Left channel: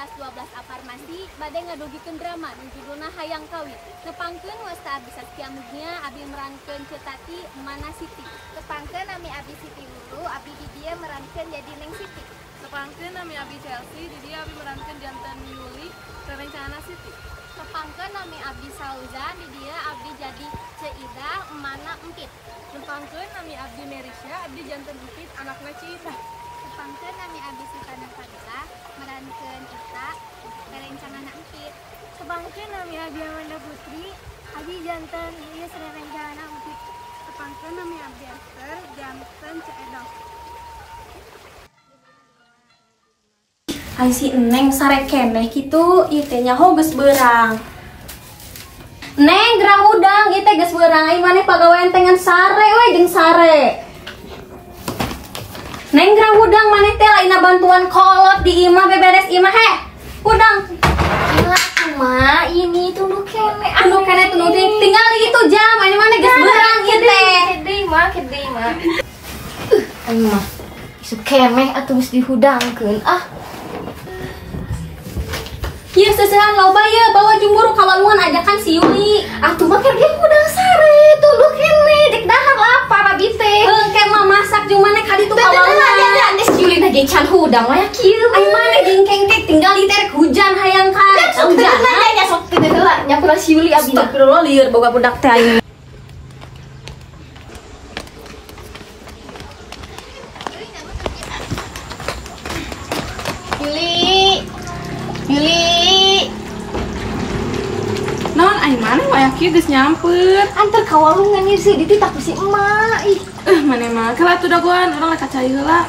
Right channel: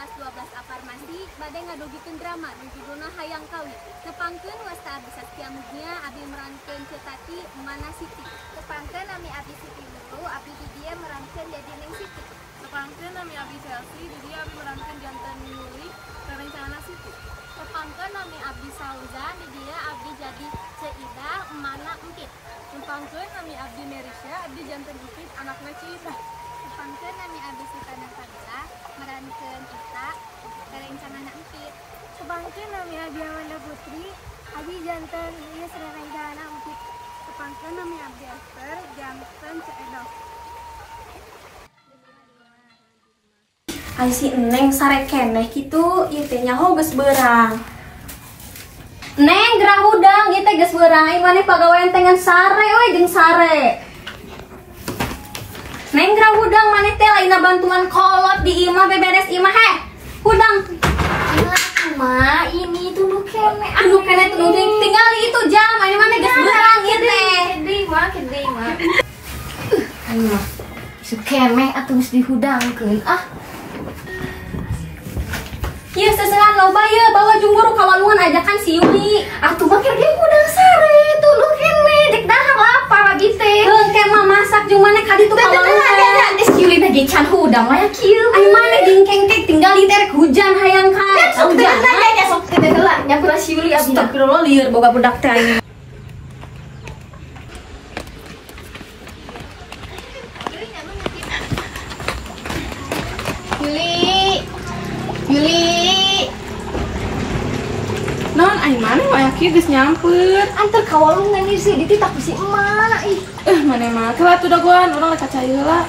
kelas 12 aparmasi bade ngadugikeun drama nu judulna Hayang Kawin. Nepangkeun wasta Abi Saskia Mugnia, abi merankeun Cetati Mana Siti. Nepangkeun nami Abi Siti Lulu, abi di dia merankeun jadi Neng Siti. Nepangkeun nami Abi Chelsea, di dia abi merankeun jantan Yuli rencana Siti. Nepangkeun nami Abi Sauzan, di dia abi jadi Ceida Mana Empit. Nepangkeun nami Abdi Merisya, abdi jantan Empit anakna Ciida. Nepangkeun nami Abi Sita Nafadila, merankeun Ita rencana Empit. Nepangkeun nami Abi Amanda Putri, abi jantan Iis rencana Empit. Nepangkeun nami Abdi Esther, jantan Ceedoh. Ai si Neng sare keneh kitu ieu teh nyaho geus beurang. Neng gerang udang ieu teh geus beurang ai maneh pagawean teh ngan sare we jeung sare. Neng gerang udang maneh teh laina bantuan kolot di imah beberes imah heh. Udang. Ma, ini tunduk kene. Anu keneh tuluy tinggal itu jam ai maneh geus beurang ieu teh. Kedei mah. Ayo mah. Isu kemeh atuh geus dihudangkeun. Ieu seusehan loba ye bawa jumburu kawalungan ajakan si Yuli. Atuh mah keur ge udang sare, tunduk kene dek dahar lapar abi teh. Engke mah masak jeung maneh ka ditu kawalungan. Geus Yuli teh ge can hudang mah ya kieu. Ai maneh jeung kengkek tinggal di terek hujan hayang ka. Sok teh nya sok teh heula nyapura si Yuli abi. Astagfirullah lieur boga budak teh aing. Yuli. Non ai maneh waya kieu geus nyamper. Antar kawalungan ieu sih ditu tak si emak. Ih. Maneh mah keula atuh dagoan urang rek kacai heula.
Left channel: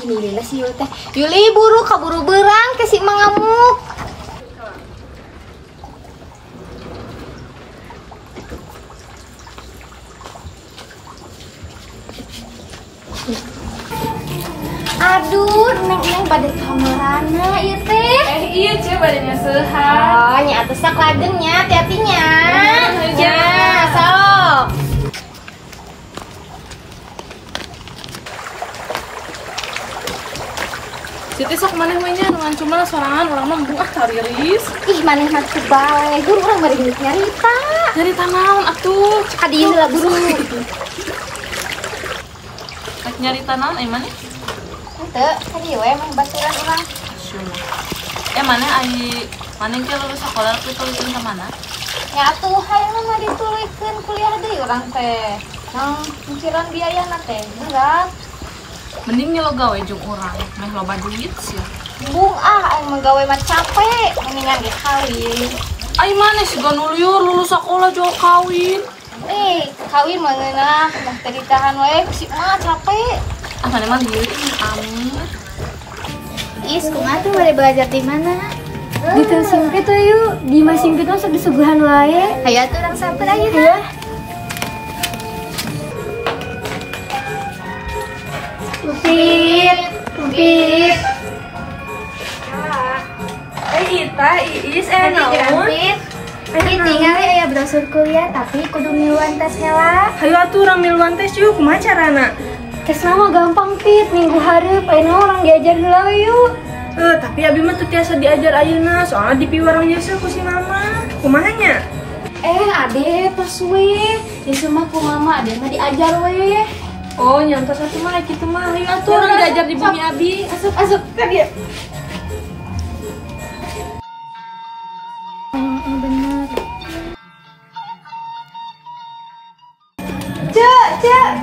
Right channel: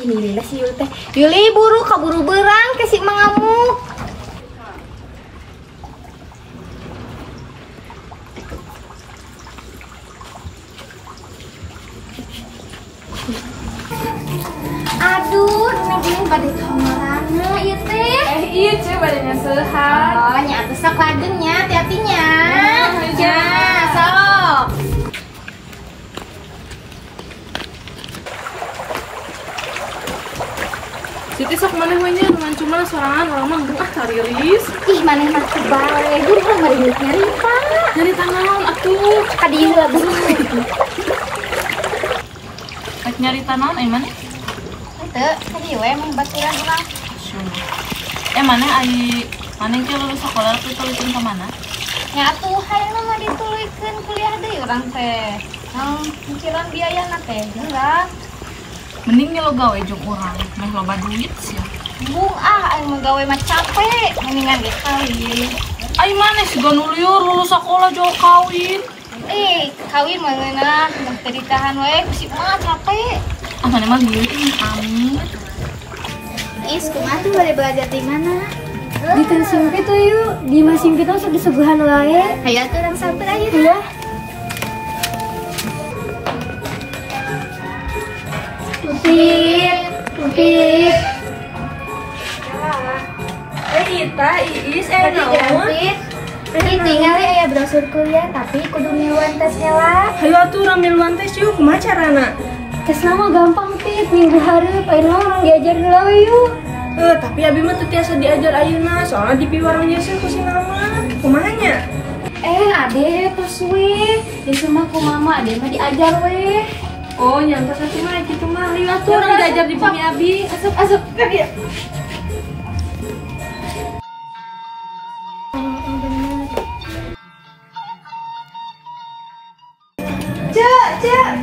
Ini lila si Yuli teh. Yuli buru kaburu beurang ke si emak ngamuk. Aduh, neng pada kamarana ieu teh. Iya ce badannya sehat. Oh, nya atuh sok lagengnya, hati-hatinya. Ya, sok. Siti sok maneh we nya dengan cuma sorangan urang mah buah kariris. Ih, maneh mah teu bae. Buru urang bari nyarita. Nyarita naon atuh? Ka dieu heula buru. Rek nyarita naon ai maneh? Teu, ka dieu we mah baturan urang. Maneh ai maneh teh lulus sakola teh tulisin ka mana? Ya atuh hayang mah dituluykeun kuliah deui urang teh. Nang cicilan biayana teh murah. Mending nya lo gawe jeung urang, meh loba duit sia. Bung aing mah gawe mah capek, mendingan ge kawin. Ai maneh siga nu lieur lulus sakola jo kawin. Kawin mah ngeunah, mah teu ditahan we ku si mah capek. Maneh mah lieur amit. Is, kumaha tuh boleh belajar di mana? Di Tun Simpit tuh yuk, di Mas Simpit tuh sok disuguhan wae. Hayu atuh urang sampeun ayeuna. Iya. Upit. Ita, Iis, naon? Ini tinggal aya brosur kuliah tapi kudu miluan tes heula. Hayu atuh urang miluan tes yuk, kumaha carana? Tes nama gampang Pit, minggu hareup aya orang diajar heula we yuk. Tapi abi mah teu tiasa diajar ayeuna, soalnya di piwarang jasa ku si mama. Kumaha nya? Ade pas we. Di rumah ku mama ade mah diajar we. Oh, nyampe satu mah kitu mah. Hayu atuh urang diajar di bumi abi. Asup ka dieu. Bener. Cek.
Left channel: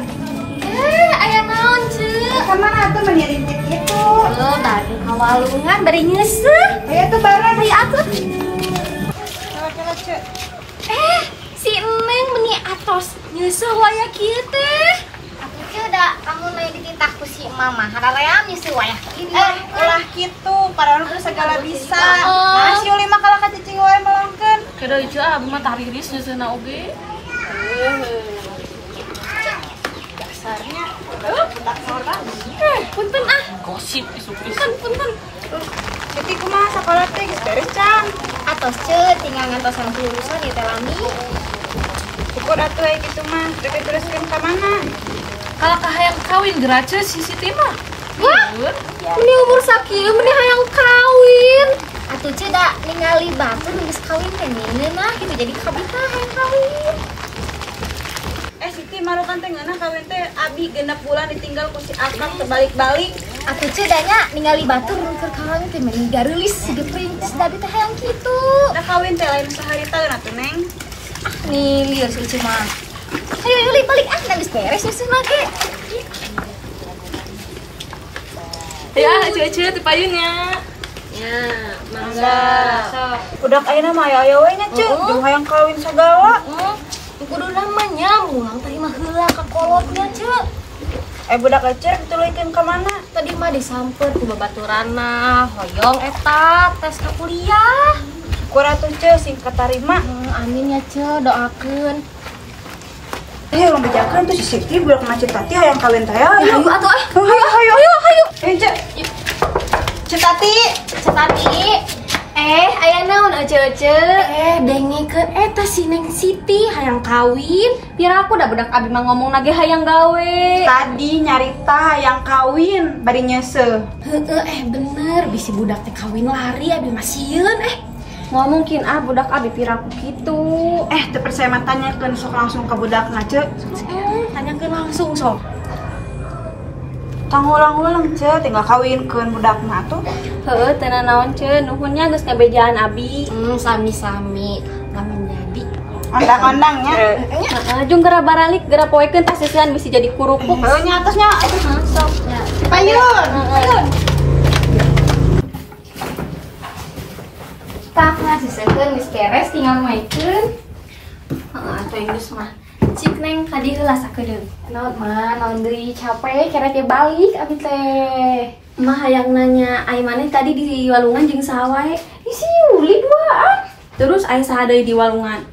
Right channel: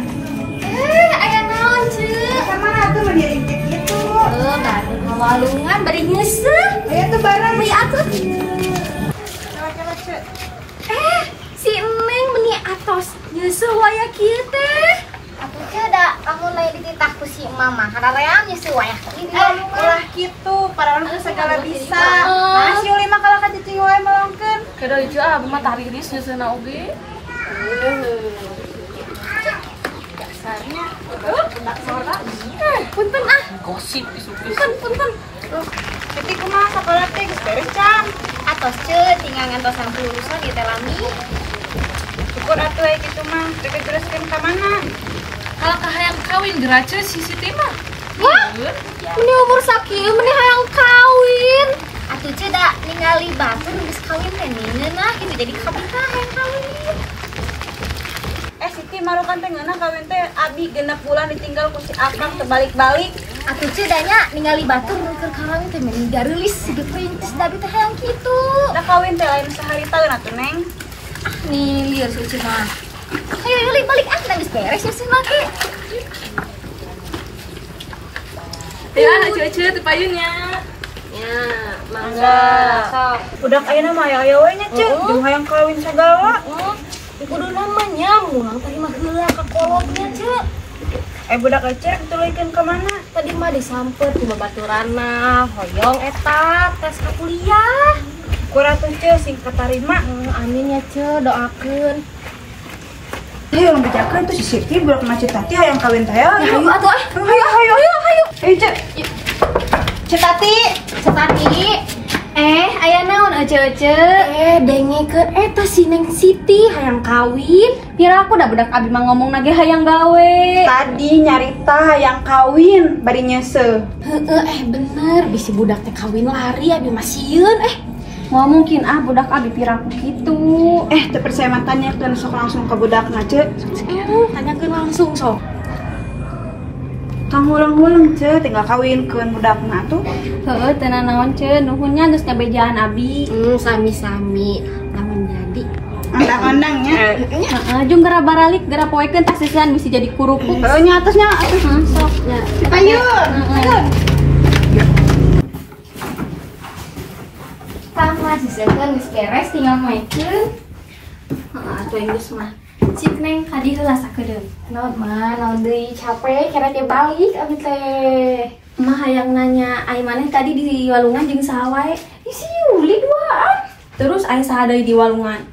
Aya naon, Cek? Ka mana atuh mah diringkit kitu. Baru kawalungan bari ngeuseuh. Aya tuh barang. Hayu atuh. Si Neng beuni atos nyeusuh waya kieu teh. Atuh Cek da kamu nanya dititah ku si mama. Haraream nyeusuh waya kieu. Ulah kitu, para urang segala bisa. Nah, si Yuli mah kalau ka cicing wae melongkeun. Kada ieu abi mah tariris nyeuseuna oge. Dasarnya budak norak. Punten Gosip isu-isu. punten. Jadi kumaha sakola teh geus beres can. Atos Cek tinggal ngantosan kelulusan ieu teh lami. Syukur atuh aya kitu mah, rek teruskeun ka mana? Kalau kahayang kawin gerace si Siti mah. Wah, meni umur sakieu meni hayang kawin. Atuh ceda ningali batur geus kawin teh ngeunah gitu jadi kabita hayang kawin. Siti marukan teh ngeunah kawin teh abi 6 bulan ditinggal ku si Akang terbalik-balik. Atuh cedanya ningali batur keur kawin teh meni gareulis siga perintis da abi teh hayang kitu. Da kawin teh lain saharitaeun atuh Neng. Nih lieur si Uci mah. Ayo balik ah geus beres ya semua ge. Ya, Cece teh payunnya. Ya, mangga. Udah ayeuna mah aya we nya, Ceu. Jeung hayang kawin sagala. Kudu namanya mulang tadi mah heula ka kolotnya, Ceu. Budak Ece dituluykeun ka mana? Tadi mah disamper ku babaturanna, hoyong eta tes ka kuliah. Kuratu Ceu sing katarima. Amin ya, Ceu, doakeun. Ayo urang bejakeun tuh si Siti budak macet tati hayang kawin teh. Ayo atuh ah. Ayo. Ayo, Ceu. Cetati. Aya naon ece-ece? Dengekeun eta si Neng Siti hayang kawin. Pira aku da budak abi mah ngomong nage hayang gawe. Tadi nyarita hayang kawin bari nyeuseuh. Bener bisi budak teh kawin lari abi mah sieun Nggak mungkin budak abi piraku gitu. Teu percaya mah tanyakeun sok langsung ke budakna, Ceu. tanyakeun langsung sok. Kang urang-urang Ceu tinggal kawinkeun budakna tuh. Heeh, teu naon Ceu, nuhunnya geus ngabejaan abi. Sami-sami lamun jadi. Andang-andangnya. Heeh, jeung geura baralik, geura poekeun tas sisian bisa jadi kurupuk. Heuh nya atasnya. Sok. Payun. Tah mah sisekeun geus beres tinggal maikeun. Atuh geus mah. Cik Neng ka dieu heula sakedeung. Naon deui capek kira dia balik abi teh. Mah hayang nanya, ai maneh tadi di walungan jeung saha wae? Isi uli duaan. Terus ai saha deui di walungan?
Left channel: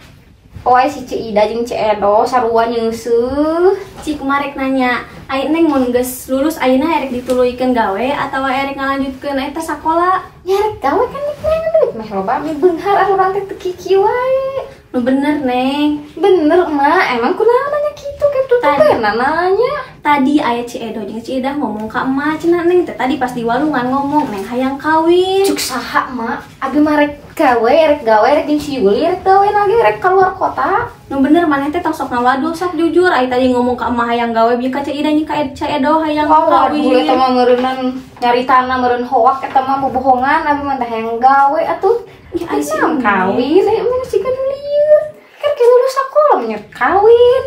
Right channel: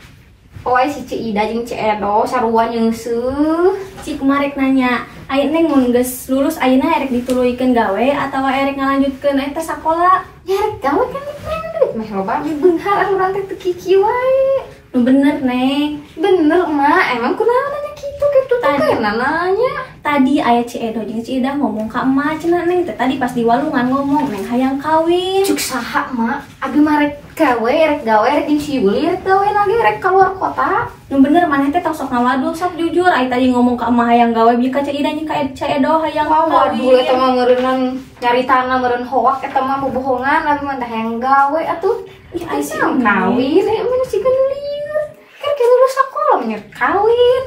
Poe si Ci Ida jeung Ci Edo sarua nyeuseuh. Cik kumarek nanya, ai Neng mun geus lulus ayeuna erek dituluykeun gawe atawa erek ngalanjutkeun eta sakola? Nyarek gawe kan Neng duit mah loba abi beunghar urang teh teu kiki wae. Nu bener Neng. Bener emak, emang kunaon nanya kitu kitu teh nanya. Tadi aya Ci Edo jeung Ci Ida ngomong ka emak cenah Neng teh tadi pas di walungan ngomong Neng hayang kawin. Cuk saha emak, abi mah rek gawe rek jeung si Yuli rek gawe lagi rek keluar kota. Nu bener maneh teh tong sok ngawadul sok jujur ai tadi ngomong ka emak hayang gawe bieu ka Ci Ida jeung ka Ci Edo hayang Waduh eta kawin. mah meureunnan nyaritana meureun hoak eta mah bobohongan abi mah teh hayang gawe atuh. Ih ai sih Kawin aya mah sih kan lieur. Kan ke lulus sekolah nyet kawin.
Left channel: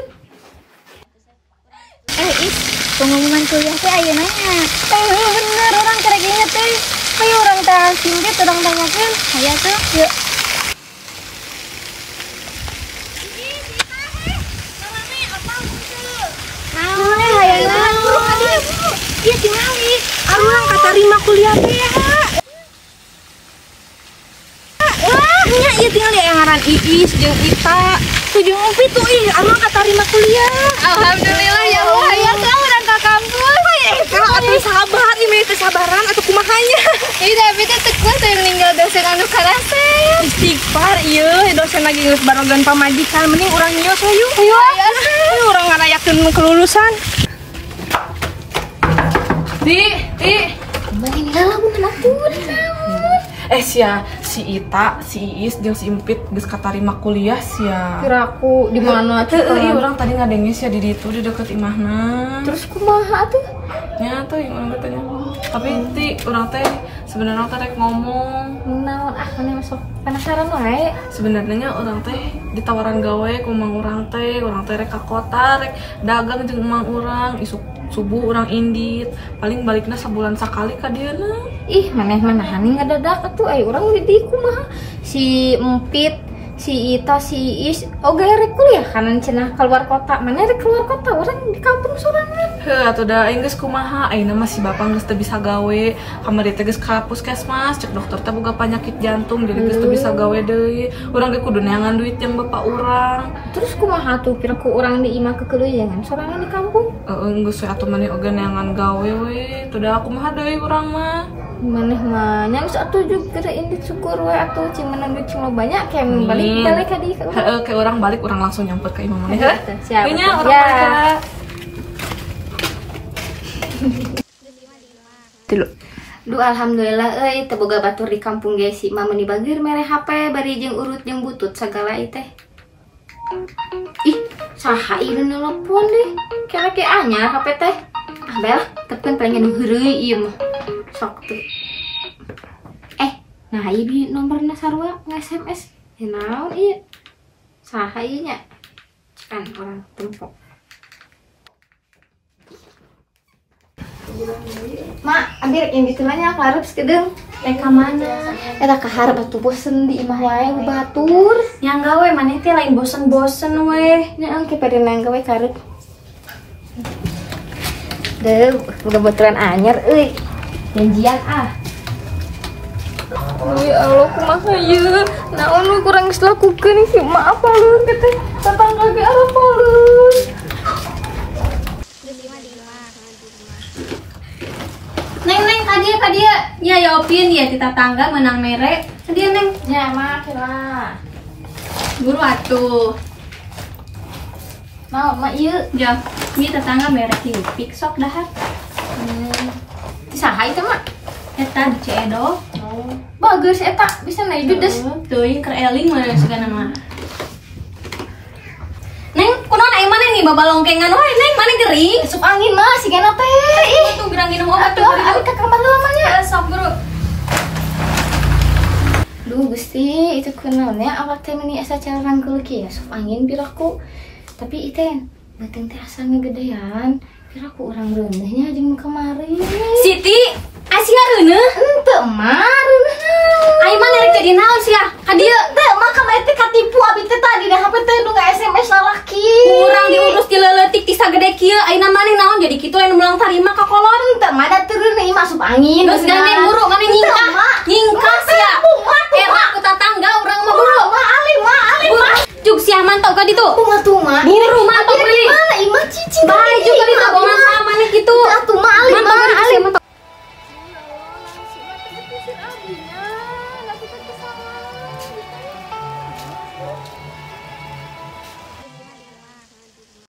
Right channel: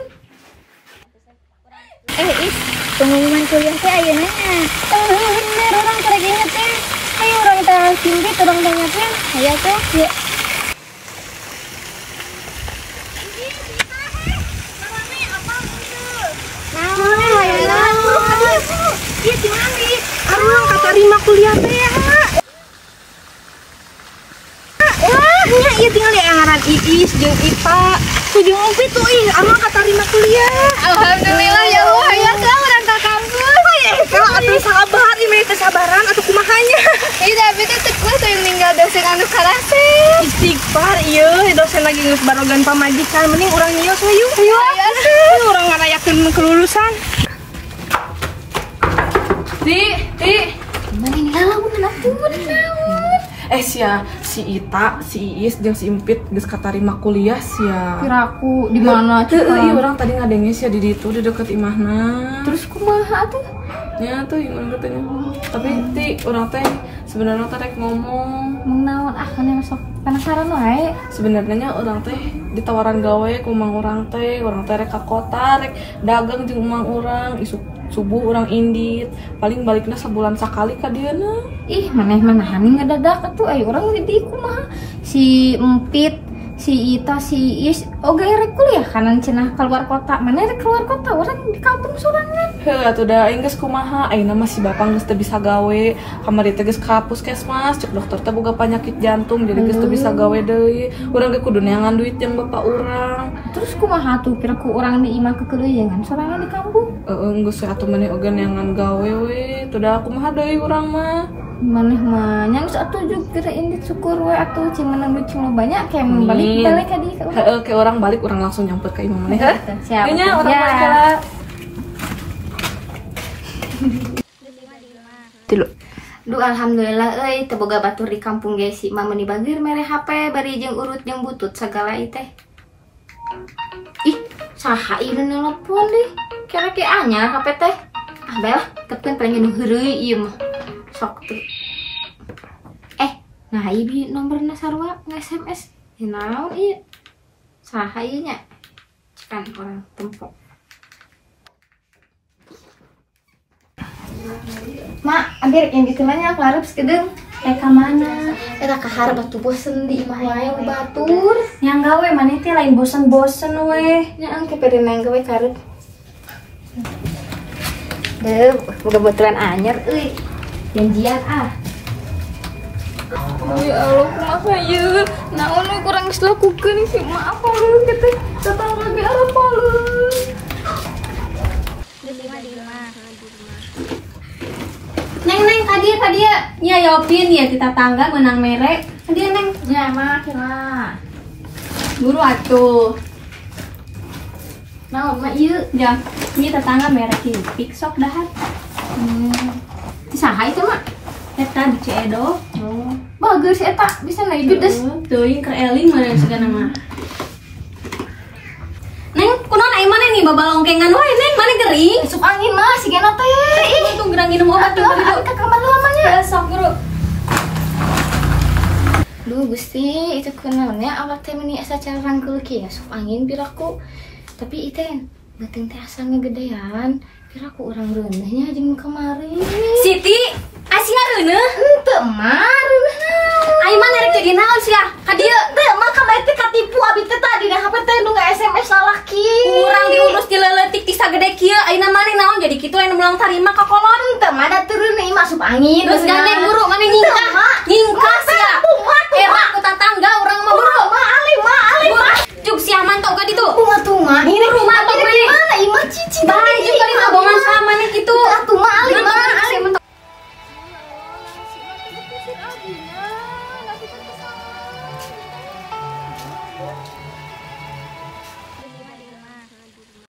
Is, pengumuman kuliah teh ayeuna nya. Bener orang keur inget teh. Ayo urang teh singkit urang tanyakeun. Aya tuh, yuk. Naon hayangna? Ieu tinggal is. Arang katarima kuliah teh ya. Wah, nya ieu tinggal di ngaran Iis jeung Ita. Kujung Upi tuh arang katarima kuliah. Alhamdulillah ya Allah, ya sekarang urang ka kampus. Kalau atuh sabar ieu teh sabaran atuh kumahanya. Tapi teh teu saya meninggal dosen anu karase. Istighfar ieu dosen lagi geus barogan pamajikan mending urang nyios we yuk. Ayo urang ngarayakeun kelulusan. Ti. Mending lamun atuh naon. Sia si Ita, si Iis jeung si Empit geus katarima kuliah sia. Kiraku di mana Iya orang tadi ngadengnya sia di ditu di deket imahna. Terus kumaha tuh? Ya tuh imah katanya. Tapi ti orang teh sebenarnya teh rek ngomong. Naon maneh sok penasaran wae. Sebenarnya orang teh ditawaran gawe ku mang orang teh rek ka kota rek dagang jeung mang urang isuk subuh orang indit paling baliknya sebulan sekali ka dieuna. Ih maneh hani ngadadak atuh urang di kumaha si Empit si Ita si Is oge rek kuliah kanan cenah keluar kota mana rek keluar kota orang di kampung sorangan. Heuh atuh da aing geus kumaha ayeuna mah si bapak geus teu bisa gawe kamari teh geus ka puskesmas cek dokter teh boga penyakit jantung jadi geus teu bisa gawe deui urang ge kudu neangan duit jeung bapak urang. Terus kumaha tuh kiraku urang di imah kekeleuyangan sorangan di kampung. Geus we atuh maneh oge neangan gawe we teu da kumaha deui urang mah. Maneh mah nya geus atuh juga indit syukur we atuh cing menang duit cing lo banyak kayak balik ka di ka urang. Heeh ke urang balik urang langsung nyamper ka imah maneh. Siap. Nya urang balik. Tilu. Duh alhamdulillah euy teu boga batur di kampung ge si mah meuni bageur mere HP bari jeung urut jeung butut sagala ieu teh. Ih, saha ieu nelpon deh. Kira ke anyar HP teh. Ah bae lah, tepkeun pengen heureuy ieu mah. Sok tuh. Nah ieu nomorna sarua nge-SMS. Naon ieu? Saha ieu nya? Cekan orang tempo. Mak, ambil yang gitu nanya kelarep sekedeng. Ka mana? Eta kaharep atuh bosen di imah wae batur. Yang gawe maneh teh lain bosen-bosen we. Nya engke pada nang gawe karep. Deuh, boga baturan anyar euy. Janjian ah. Oh ya Allah, kumaha ieu? Naon we kurang geus lakukeun sih? Maaf alun teh. Tetangga ge arep alun. Neng kadia. Ya Yopin ya kita tangga menang mere. Kadia Neng. Ya mah kira. Buru atuh. Naon mah ieu? Jam. Ini tetangga mere kipik sok dahar. Saha itu mah? Eta di Ceedo. Oh, bagus eta bisa naik judes. Teuing keur eling mah segana mah. Neng, kunaon aing maneh nih babalongkengan wae Neng, maneh gering. Sup angin mah sigana teh. Ih, tuh gerang minum obat tuh. Aduh, ka kamar lamanya. Sok guru. Duh Gusti, itu kunaonnya awak teh meuni asa cara rangkeul kieu sup angin piraku. Tapi itu beuteung teh asa ngegedean. Piraku urang reuneuhnya jeung kemarin. Siti, asih ngareuneuh. Henteu mah reuneuh. Aing mah nerek jadi naon sih ka dieu? Teu mah ka bae teh katipu abi teh tadi da HP teh nu nge-SMS lalaki. Kurang diurus di leutik ti sagede kieu. Ayeuna maneh naon jadi kitu anu belang tarima ka kolot. Teu mah da teureun ieu mah sup angin. Geus gandeng buru maneh nyingkah. Nyingkah sia. Era ku tatangga urang mah buru. alim mah. Jug sia mantau ka ditu. Kumaha tuh mah? Buru mantau maneh. Mana imah cicing. Bae juga